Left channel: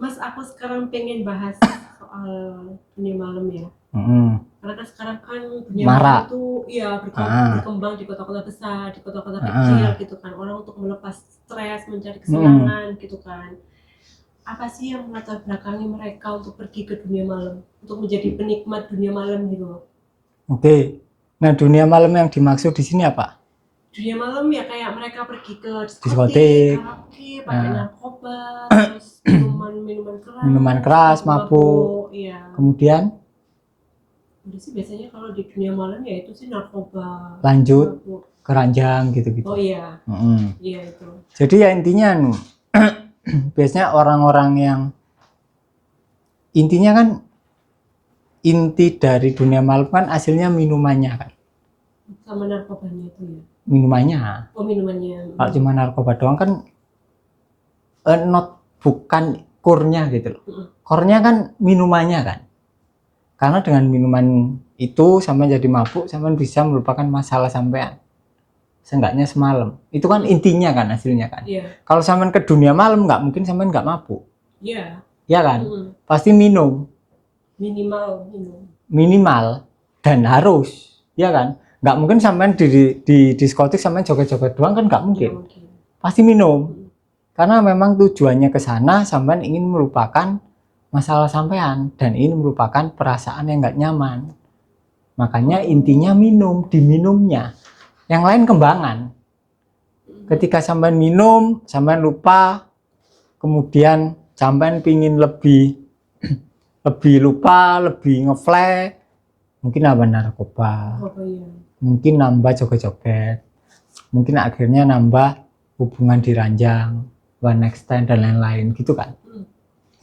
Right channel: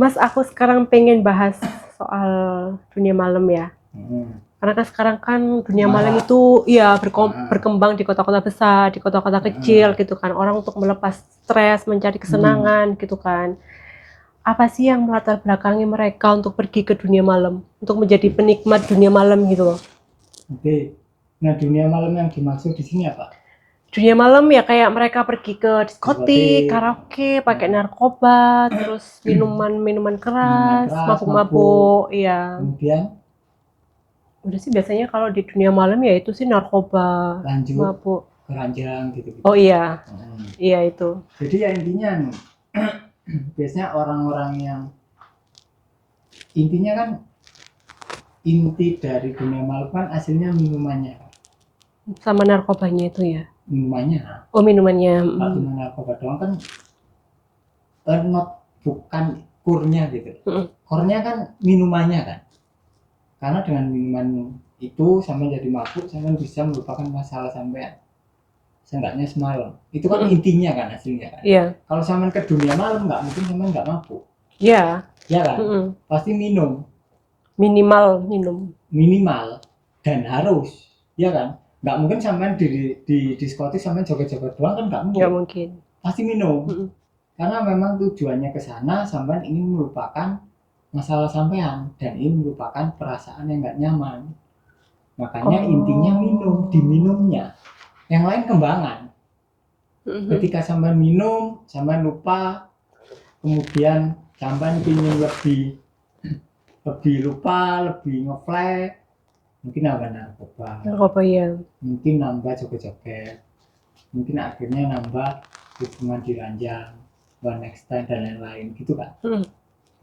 Mas, aku sekarang pengen bahas soal dunia malam ya. Karena kan sekarang kan dunia malam itu ya berkembang di kota-kota besar, di kota-kota kecil gitu kan. Orang untuk melepas stres, mencari kesenangan gitu kan. Apa sih yang melatar belakangi mereka untuk pergi ke dunia malam, untuk menjadi penikmat dunia malam gitu loh? Oke. Nah, dunia malam yang dimaksud di sini apa? Dunia malam ya kayak mereka pergi ke diskotik, karaoke, pakai narkoba, terus minuman keras, mabuk-mabuk, iya. Kemudian Udah sih biasanya kalau di dunia malam ya itu sih narkoba, lanjut mabuk. keranjang gitu-gitu. Oh iya, iya itu. Jadi ya intinya biasanya orang-orang yang intinya kan inti dari dunia malam kan hasilnya minumannya kan. Sama narkobanya itu ya. Minumannya. Oh minumannya. Kalau cuma narkoba doang kan bukan kurnya gitu loh. Kurnya kan minumannya kan. Karena dengan minuman itu sampai jadi mabuk, sampai bisa melupakan masalah sampean. Seenggaknya semalam. Itu kan intinya kan hasilnya kan. Iya. Kalau sampean ke dunia malam nggak mungkin sampean nggak mabuk. Iya. Ya kan? Pasti minum. Minimal minum. Minimal dan harus. Ya kan? Nggak mungkin sampean di diskotik sampean joget-joget doang kan nggak mungkin. Nggak mungkin. Pasti minum. Karena memang tujuannya ke sana sampean ingin melupakan masalah sampean dan ini merupakan perasaan yang nggak nyaman. Makanya intinya minum, diminumnya. Yang lain kembangan. Ketika sampean minum, sampean lupa, kemudian sampean pingin lebih lupa, lebih ngeflash, mungkin apa narkoba. Narkoba ya. Mungkin nambah joget-joget. Mungkin akhirnya nambah hubungan di ranjang, one night stand dan lain-lain gitu kan.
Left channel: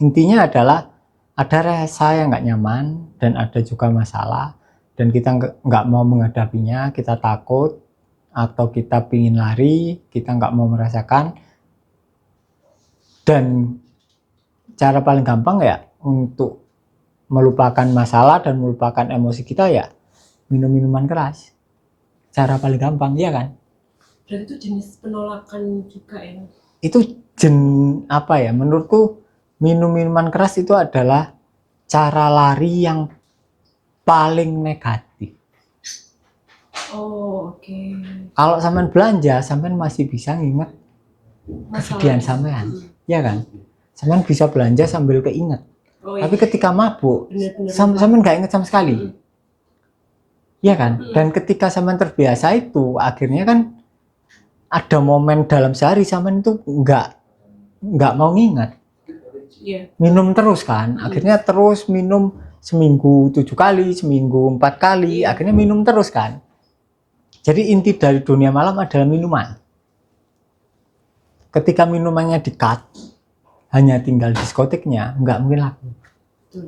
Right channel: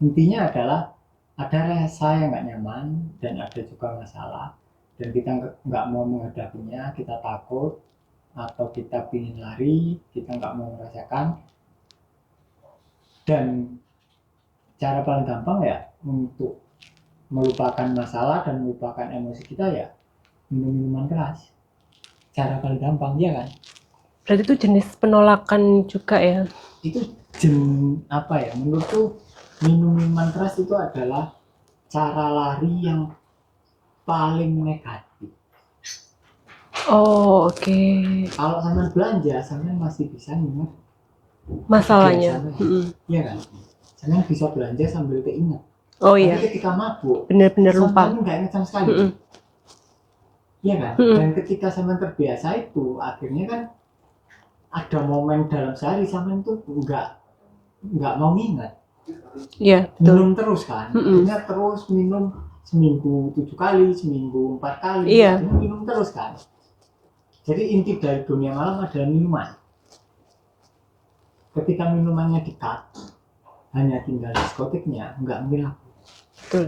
Intinya adalah ada rasa yang nggak nyaman dan ada juga masalah dan kita nggak mau menghadapinya, kita takut atau kita pingin lari, kita nggak mau merasakan. Dan cara paling gampang ya untuk melupakan masalah dan melupakan emosi kita ya minum minuman keras. Cara paling gampang, ya kan? Berarti itu jenis penolakan juga ya? Itu apa ya, menurutku minum minuman keras itu adalah cara lari yang paling negatif. Oh oke. Kalau sampean belanja, sampean masih bisa nginget masalahnya sampean, ya kan? Sampean bisa belanja sambil keinget. Oh iya. Tapi ketika mabuk, bener-bener lupa. sampean nggak inget sama sekali, ya kan? Dan ketika sampean terbiasa itu, akhirnya kan ada momen dalam sehari sampean itu nggak mau nginget. Iya. Minum terus kan, akhirnya terus minum seminggu 7 kali, seminggu 4 kali, akhirnya minum terus kan. Jadi inti dari dunia malam adalah minuman. Ketika minumannya di-cut, hanya tinggal diskotiknya, nggak mungkin laku. Betul.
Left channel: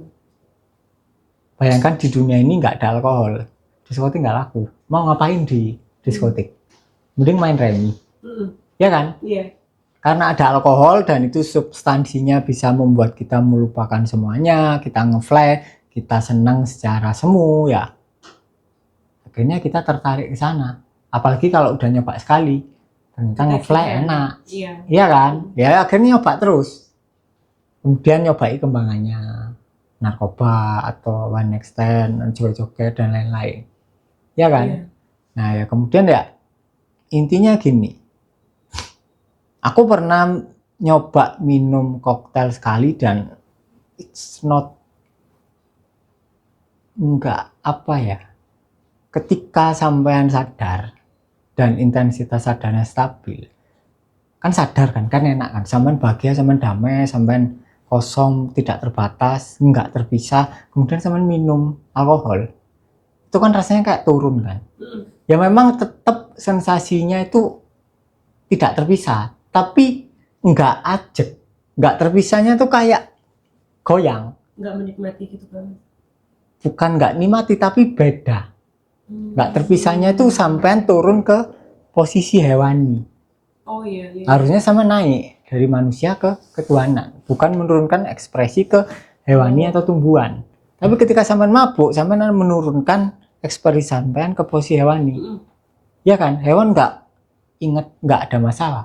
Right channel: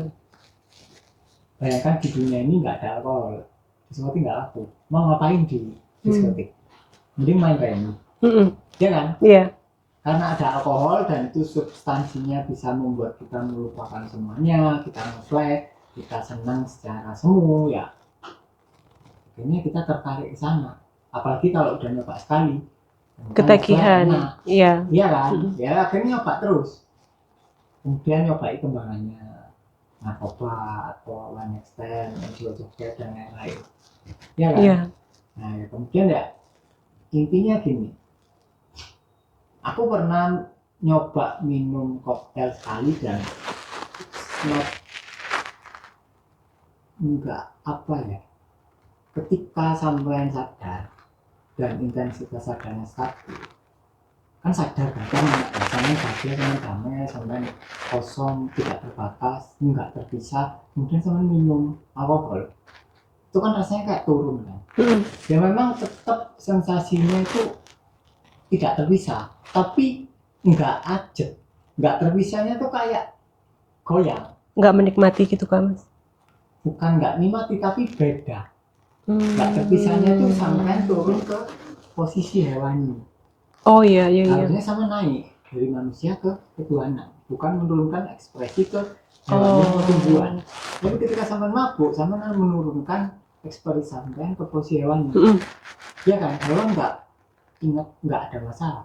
Bayangkan di dunia ini nggak ada alkohol, diskotik nggak laku. Mau ngapain di diskotik? Mending main remi, ya kan? Iya. Karena ada alkohol dan itu substansinya bisa membuat kita melupakan semuanya, kita ngeflash, kita senang secara semu ya. Akhirnya kita tertarik ke sana. Apalagi kalau udah nyoba sekali, ketagihan, enak. Iya. Iya kan? Ya akhirnya nyoba terus. Kemudian nyobai kembangannya, narkoba atau one night stand, joget-joget dan lain-lain. Ya kan? Iya. Nah ya kemudian ya intinya gini. Aku pernah nyoba minum koktail sekali dan enggak apa ya. Ketika sampean sadar dan intensitas sadarnya stabil, kan sadar kan enak kan, sampean bahagia, sampean damai, sampean kosong, tidak terbatas, enggak terpisah, kemudian sampean minum alkohol, itu kan rasanya kayak turun kan. Ya memang tetap sensasinya itu tidak terpisah, tapi enggak ajek, enggak terpisahnya tuh kayak goyang. Enggak menikmati gitu kan Mas? Bukan enggak nikmati, tapi beda. Enggak terpisahnya tuh sampean turun ke posisi hewani. Oh iya. Harusnya sama naik dari manusia ke ketuhanan, bukan menurunkan ekspresi ke hewani atau tumbuhan. Tapi ketika sampean mabuk, sampean menurunkan ekspresi sampean ke posisi hewani. Ya kan? Hewan enggak ingat, enggak ada masalah.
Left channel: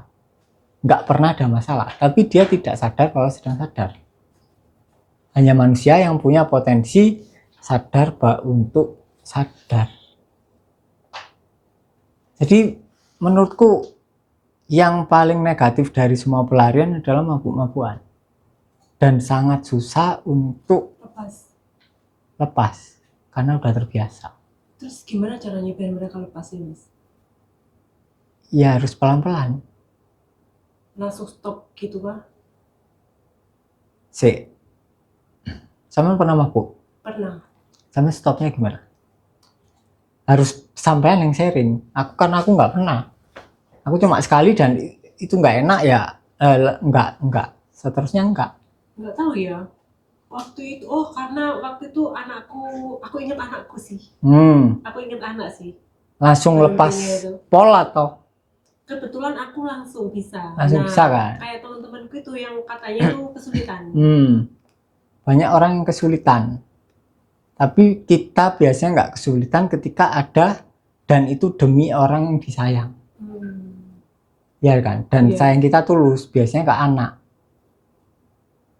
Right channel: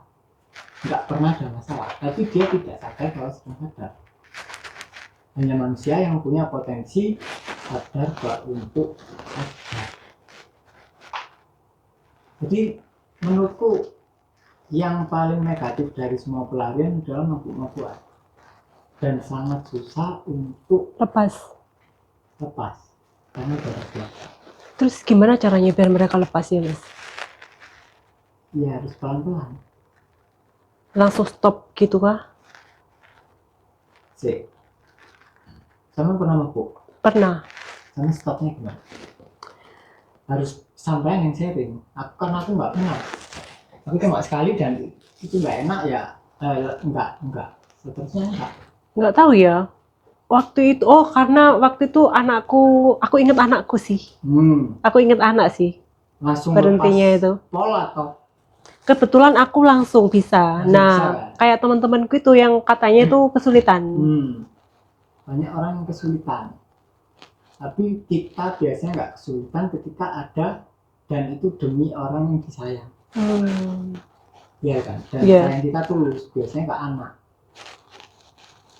Enggak pernah ada masalah, tapi dia tidak sadar kalau sedang sadar. hanya manusia yang punya potensi sadar untuk sadar. Jadi menurutku yang paling negatif dari semua pelarian adalah mabuk-mabukan, dan sangat susah untuk lepas karena udah terbiasa. Terus gimana caranya biar mereka lepasnya, Mas? Ya harus pelan-pelan. Langsung stop gitu kah? Sama pernah mabuk? Pernah. Sama stopnya gimana? Harus sampean yang sharing. Karena aku nggak pernah. Aku cuma sekali dan itu nggak enak ya. Nggak. Seterusnya nggak. Nggak tahu ya. Waktu itu, karena waktu itu aku ingat anakku sih. Aku ingat anak sih. Langsung lepas itu. pola atau? Kebetulan aku langsung bisa. Bisa, kan? Kayak teman-temanku itu yang katanya itu kesulitan. Banyak orang yang kesulitan. Tapi kita biasanya nggak kesulitan ketika ada dan itu demi orang yang disayang. Ya kan? Dan sayang kita tulus, biasanya ke anak.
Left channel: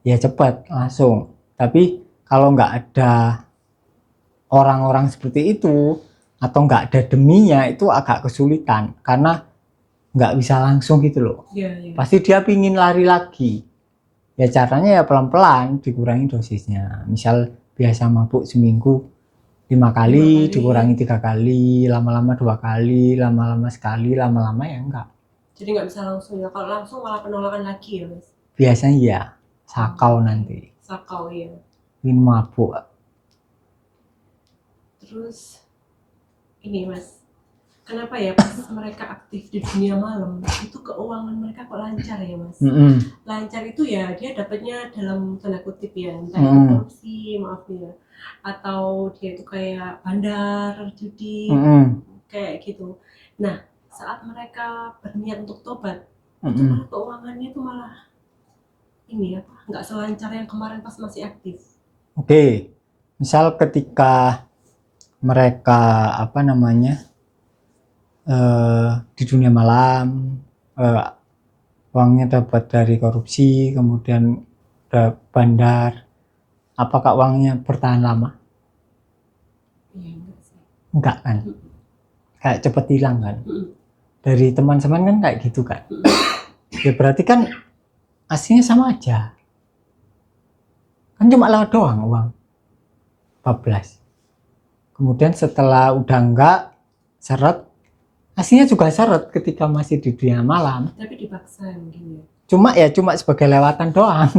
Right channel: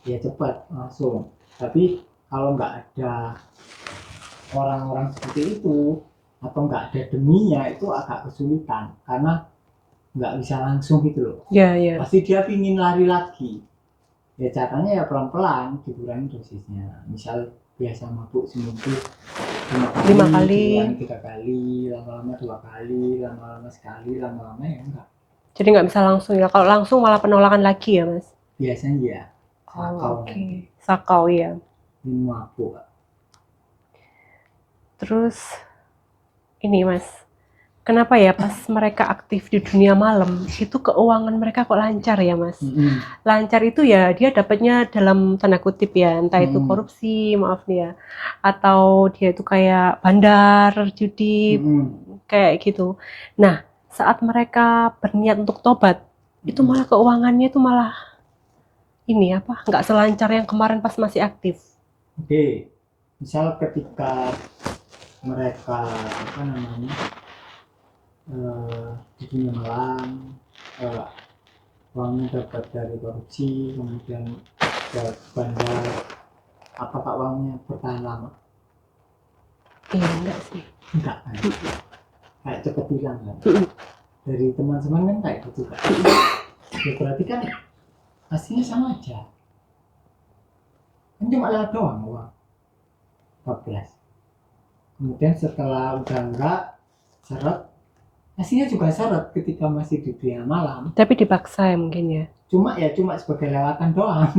Ya cepat, langsung. Tapi kalau nggak ada orang-orang seperti itu, atau nggak ada deminya, itu agak kesulitan. Karena nggak bisa langsung gitu loh. Pasti dia pingin lari lagi. Ya caranya ya pelan-pelan, dikurangi dosisnya. Misal biasa mabuk seminggu 5 kali, dikurangi 3 kali, lama-lama 2 kali, lama-lama sekali, lama-lama ya enggak. Jadi nggak bisa langsung ya. Kalau langsung malah penolakan lagi ya, Mas? Biasanya ya, sakau nanti. Sakau ya. Ingin mabuk. Terus ini, Mas, kenapa ya pas mereka aktif di dunia malam itu keuangan mereka kok lancar ya, Mas? Lancar itu ya dia dapatnya dalam tanda kutip ya, entah itu korupsi, maaf nih ya, atau dia itu kayak bandar, judi, kayak gitu. Nah, saat mereka berniat untuk tobat, itu malah keuangannya itu malah nggak selancar yang kemarin pas masih aktif. Oke, misal ketika mereka di dunia malam, uangnya dapat dari korupsi, kemudian ke bandar, apakah uangnya bertahan lama? Iya, enggak sih. Enggak kan? Kayak cepet hilang kan? Dari teman-teman kan kayak gitu kan? Ya berarti kan aslinya sama aja. Kan cuma lewat doang uang 14. Kemudian setelah udah enggak seret, aslinya juga seret ketika masih di dunia malam. Tapi dipaksa ya mungkin ya. Cuma sebagai lewatan doang.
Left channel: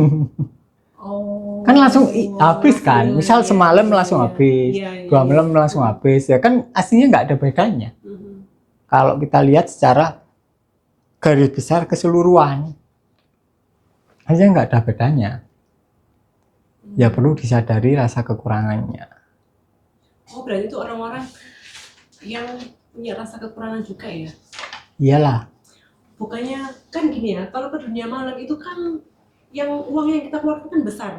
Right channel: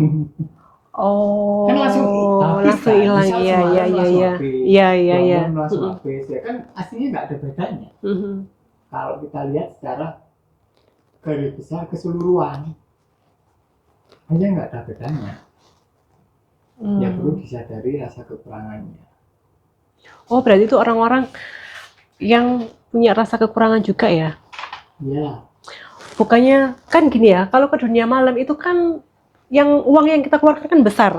Kan langsung habis kan. Misal semalam langsung habis. 2 malam langsung habis. Ya kan aslinya nggak ada bedanya. Kalau kita lihat secara garis besar keseluruhan, aslinya nggak ada bedanya. Ya perlu disadari rasa kekurangannya. Oh, berarti itu orang-orang yang punya rasa kekurangan juga ya? Iyalah. Bukannya kan gini ya, kalau ke dunia malam itu kan uang yang kita keluarkan kan besar.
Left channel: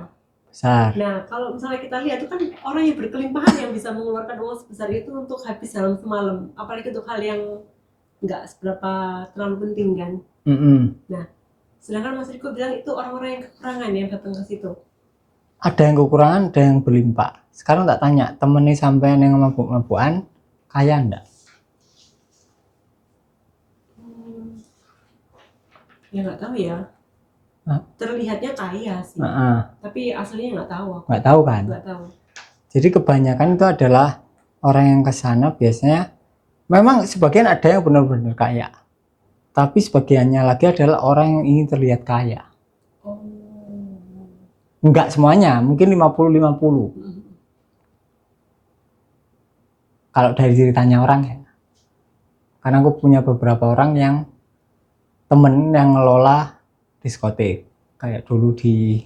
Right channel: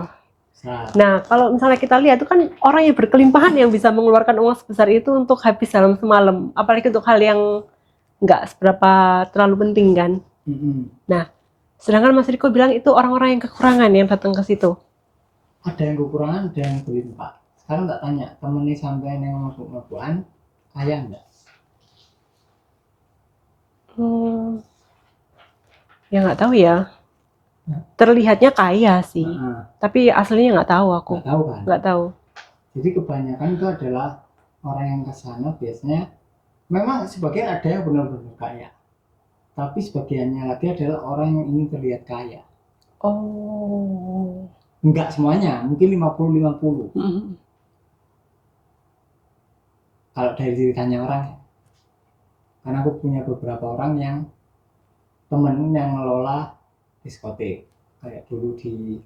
Nah, kalau misalnya kita lihat itu kan orang yang berkelimpahan yang bisa mengeluarkan uang sebesar itu untuk habis dalam semalam. Apalagi untuk hal yang nggak seberapa terlalu penting kan. Nah, sedangkan Mas Riko bilang itu orang-orang yang kekurangan yang datang ke situ. Ada yang kekurangan, ada yang berlimpah. Sekarang tak tanya, temennya sampean yang mabuk-mabukan kaya enggak? Ya nggak tahu ya. Terlihatnya kaya sih. Tapi aslinya nggak tahu aku. Nggak tahu kan? Nggak tahu. Jadi kebanyakan itu adalah orang yang ke sana biasanya memang sebagian ada yang benar-benar kaya. Tapi sebagiannya lagi adalah orang yang ingin terlihat kaya. Oh. Enggak semuanya, mungkin 50-50. Kalau dari ceritanya orang ya. Karena aku punya beberapa orang yang temen yang ngelola diskotik. Kayak dulu di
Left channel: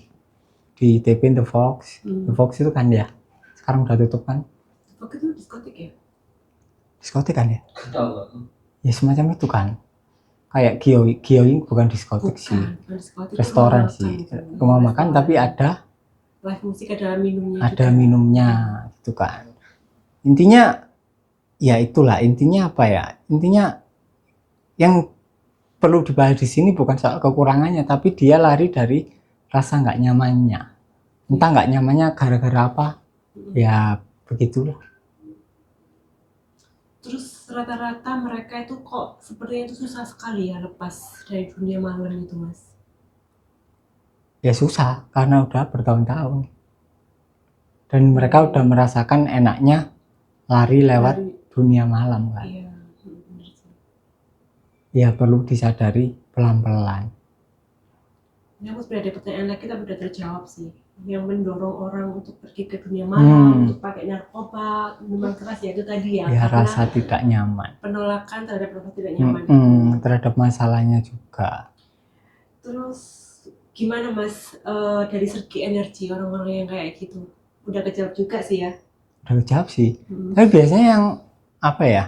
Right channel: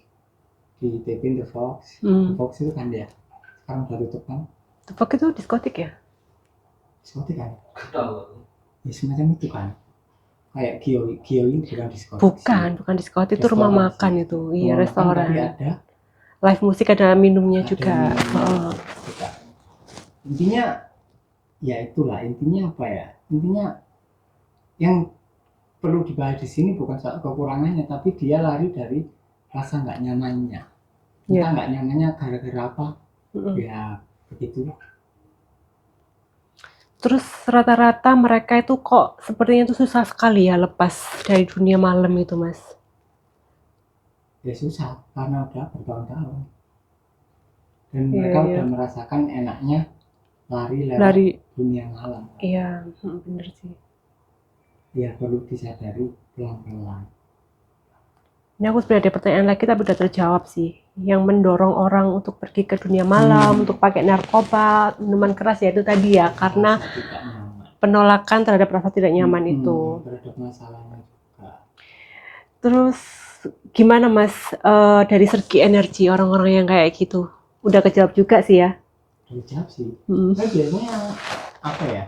TP The Fox. The Fox itu kan ya. Sekarang udah tutup kan. The Fox itu diskotik ya? Diskotik kan ya? Ya semacam itu kan. Kayak Gio bukan diskotik. Bukan diskotik, itu rumah makan sih. Itu. Rumah makan tapi ada live musik, ada minumnya juga. Ada minumnya, itu kan. Intinya ya itulah, intinya apa ya? Intinya yang perlu dibahas di sini bukan soal kekurangannya, tapi dia lari dari rasa nggak nyamannya. Entah nggak nyamannya gara-gara apa, Mm-mm. ya begitulah. Terus rata-rata mereka itu kok sepertinya itu susah sekali ya lepas dari dunia malam itu, Mas. Ya susah karena udah bertahun-tahun dan Iya, mereka iya. udah merasakan enaknya lari lewat Dari, dunia malam kan. iya, bener sih. Ya perlu disadari pelan-pelan. Ini aku sebenarnya ada pertanyaan lagi tapi udah terjawab sih. Yang mendorong orang untuk pergi ke dunia malam, untuk pakai narkoba, minuman keras ya itu tadi ya, Ya karena rasa tidak nyaman. penolakan terhadap rasa tidak nyaman itu. Terhadap masalahnya juga. Terus gimana Mas dari segi energi orang-orang yang kayak gitu? Udah kejawab juga sih ya. Udah kejawab sih. Mm. Tapi biasanya yang apa ya?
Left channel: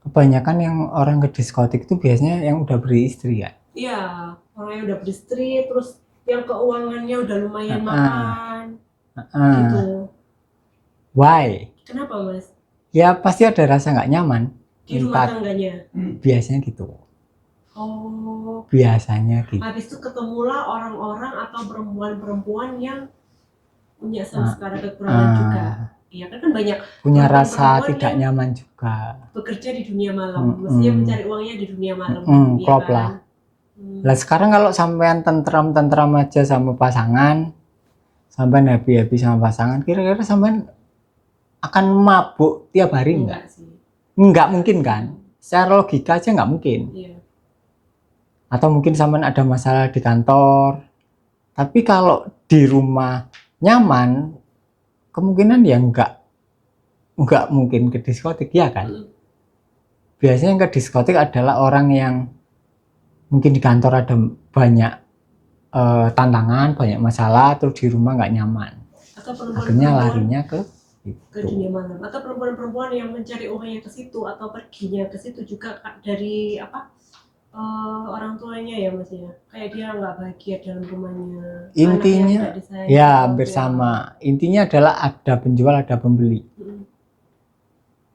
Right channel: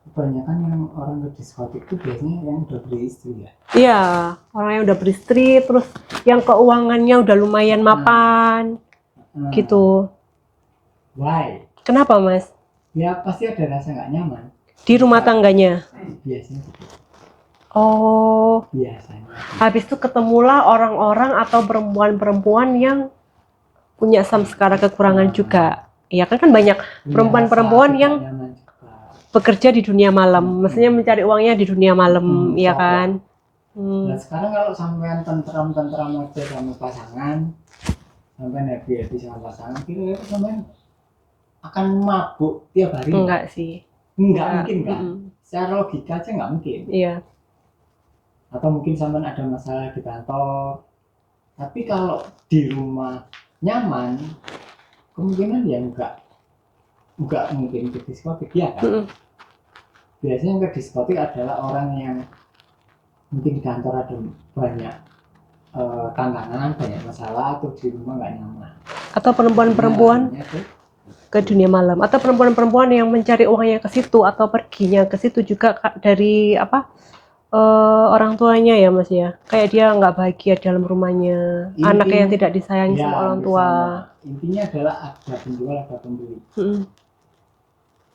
Kebanyakan yang orang ke diskotik itu biasanya yang udah beristri ya. Iya, orang yang udah beristri, terus yang keuangannya udah lumayan mapan, gitu. Why? Kenapa Mas? Ya pasti ada rasa nggak nyaman. Di rumah tangganya? Biasanya gitu. Oh, Biasanya gitu. habis itu ketemulah orang-orang atau perempuan-perempuan yang punya samskara kekurangan juga. Iya kan banyak Punya perempuan-perempuan rasa yang tidak nyaman juga. bekerja di dunia malam, maksudnya mencari uangnya di dunia malam, ya klop kan? Lah sekarang kalau sampean tentram-tentram aja sama pasangan, sampean happy-happy sama pasangan, kira-kira sampean akan mabuk tiap hari Enggak sih. Enggak mungkin kan? Secara logika aja nggak mungkin. Iya. Atau mungkin sampean ada masalah di kantor. Tapi kalau di rumah nyaman, kemungkinan ya nggak mungkin ke diskotik ya kan? Biasanya yang ke diskotik adalah orang yang mungkin di kantor ada banyak tantangan, banyak masalah, terus di rumah nggak nyaman. Atau perempuan-perempuan ke dunia malam, atau perempuan-perempuan yang mencari uangnya ke situ atau perginya ke situ juga dari orang tuanya ya Mas ya, kayak dia nggak bahagia dalam rumahnya, anaknya yang tidak disayangi ya, orang tua. Sama. Intinya adalah ada penjual, ada pembeli.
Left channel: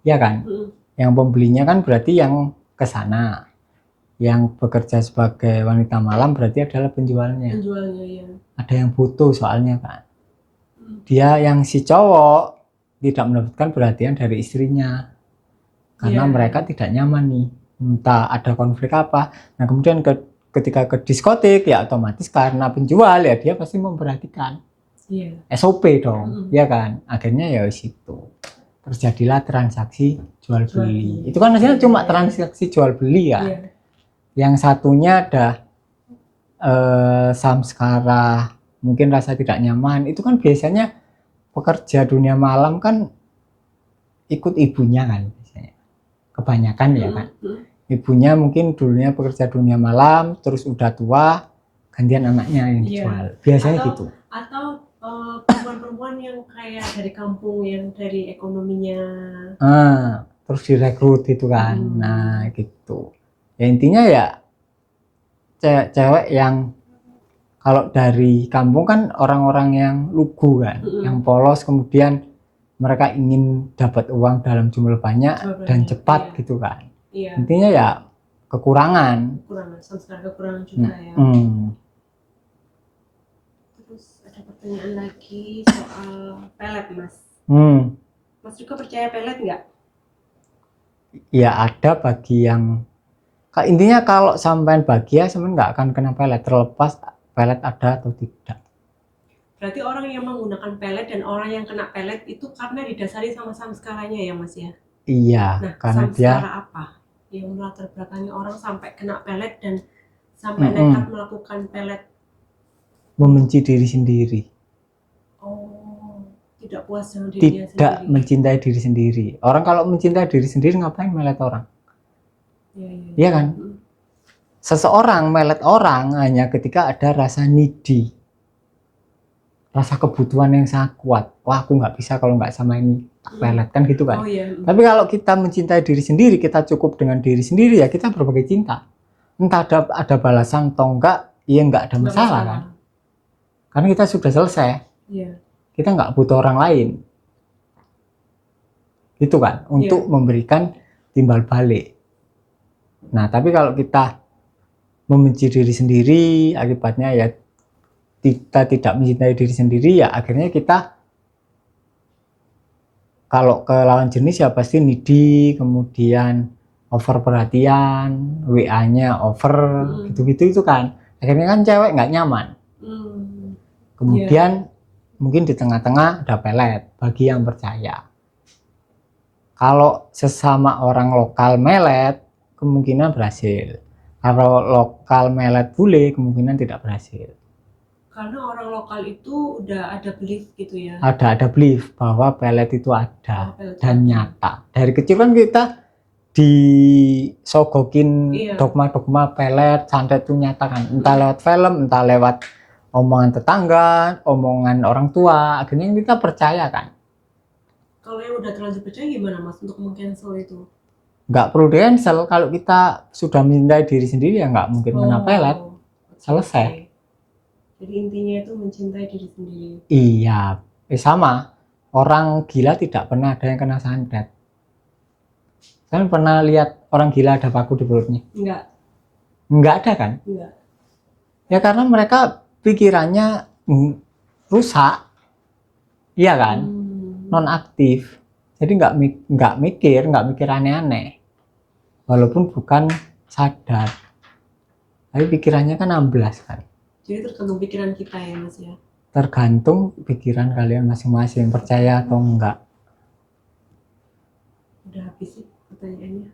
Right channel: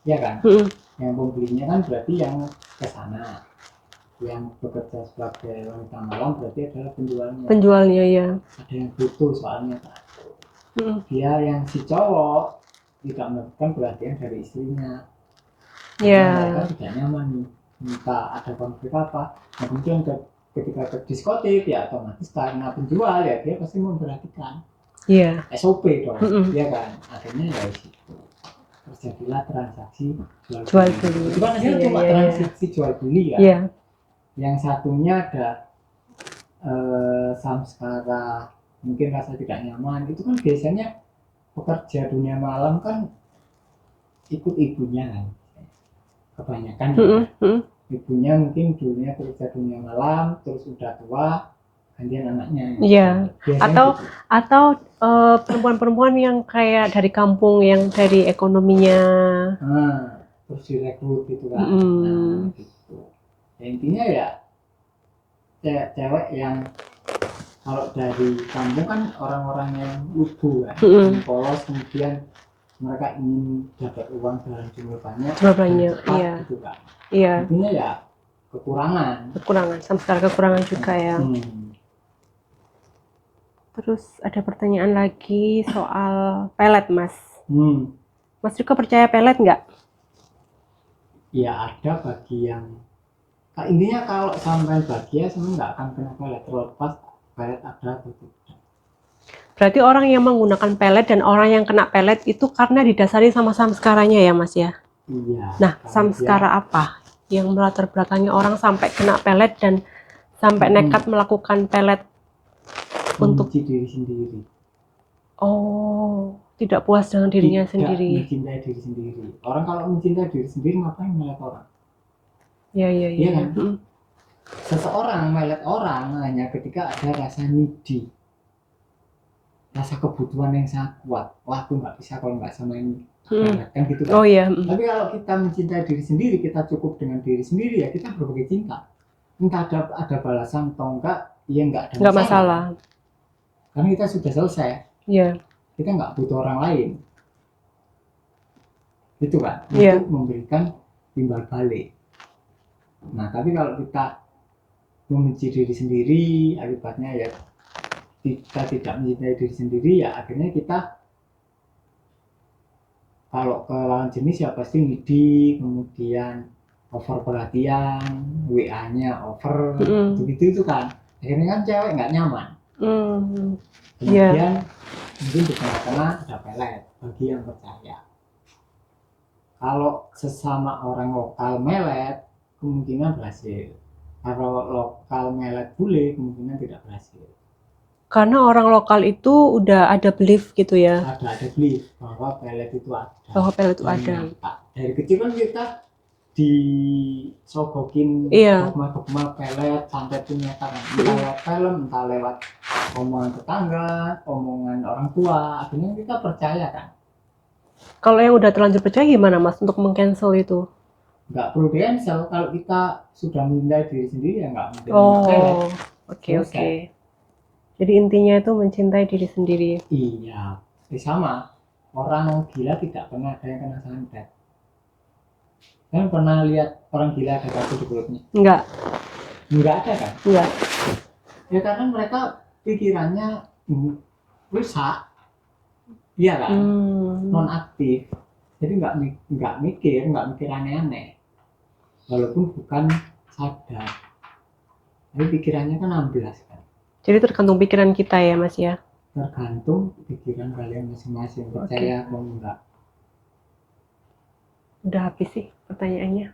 Ya kan? Yang pembelinya kan berarti yang ke sana. Yang bekerja sebagai wanita malam berarti adalah penjualnya. Penjualnya ya. Ada yang butuh soalnya kan. Dia yang si cowok tidak mendapatkan perhatian dari istrinya. Karena mereka tidak nyaman nih. Entah ada konflik apa. Nah kemudian ketika ke diskotik ya otomatis karena penjual ya dia pasti memperhatikan. SOP dong. Ya kan? Akhirnya ya situ. Terjadilah transaksi jual beli. Itu kan maksudnya cuma transaksi jual beli ya. Yang satunya ada samskara, mungkin rasa tidak nyaman. Itu kan biasanya pekerja dunia malam kan ikut ibunya kan biasanya. Kebanyakan ya kan. Ibunya mungkin dulunya pekerja dunia malam, terus udah tua, gantian anaknya yang jual. Biasanya gitu. Atau perempuan-perempuan yang kayak dari kampung, yang dari ekonominya terus direkrut gitu kan. Nah gitu. Ya intinya ya cewek yang kalau dari kampung kan orang-orang yang lugu kan, yang polos, kemudian mereka ingin dapat uang dalam jumlah banyak dan cepat gitu kan. Intinya ya kekurangan, samskara kekurangan juga ya. Terus ada pertanyaan lagi soal pelet Mas. Mas juga percaya pelet nggak? Ya ada bagi yang intinya kalau sampean bahagia sampean nggak akan kena pelet, terlepas pelet ada atau tidak. Berarti orang yang menggunakan pelet dan orang yang kena pelet itu karena didasari sama samskaranya ya Mas ya? Iya. Nah samskara apa yang melatar belakangi orang sampai kena pelet dan sampai nekat melakukan pelet? Membenci diri sendiri. Oh, tidak puas dengan dirinya sendiri. Tidak mencintai diri sendiri. Orang kalau mencintai diri sendiri ngapain melet orang? Iya kan? Seseorang melet orang hanya ketika ada rasa needy, rasa kebutuhan yang sangat kuat. Wah, aku nggak bisa kalau nggak sama ini, melet kan gitu kan? Tapi kalau kita mencintai diri sendiri, kita cukup dengan diri sendiri ya kita berbagai cinta. Entah ada balasan atau enggak, ya nggak ada masalah. Karena kita sudah selesai. Kita nggak butuh orang lain, gitu kan? Untuk memberikan timbal balik. Nah, tapi kalau kita membenci diri sendiri, akibatnya ya kita tidak mencintai diri sendiri, ya akhirnya kita kalau ke lawan jenis ya pasti needy, kemudian over perhatian, WA-nya over, gitu-gitu itu kan. Akhirnya kan cewek nggak nyaman. Kemudian mungkin di tengah-tengah ada pelet bagi yang percaya. Kalau sesama orang lokal melet, kemungkinan berhasil. Kalau lokal melet bule, kemungkinan tidak berhasil. Karena orang lokal itu udah ada belief gitu ya. Ada belief bahwa pelet itu ada, bahwa pelet itu dan ada. nyata. Dari kecil kan kita disogokin dogma-dogma pelet, santet itu nyata kan. Entah lewat film, entah lewat omongan tetangga, omongan orang tua, akhirnya kita percaya kan. Kalau yang udah terlanjur percaya gimana Mas untuk meng-cancel itu? Nggak perlu di-cancel, kalau kita sudah mencintai diri sendiri ya nggak mungkin kena pelet. Selesai. Jadi intinya itu mencintai diri sendiri. Iya, sama. Orang gila tidak pernah ada yang kena santet. Kalian pernah lihat orang gila ada batu di perutnya? Enggak ada kan? Enggak. Ya karena mereka pikirannya rusak. Iya kan? Non-aktif. Jadi nggak mikir aneh-aneh. Walaupun bukan sadar. Tapi pikirannya kan amblas kan. Jadi tergantung pikiran kita ya Mas ya? Tergantung pikiran kalian masing-masing, percaya atau enggak. Udah habis sih pertanyaannya.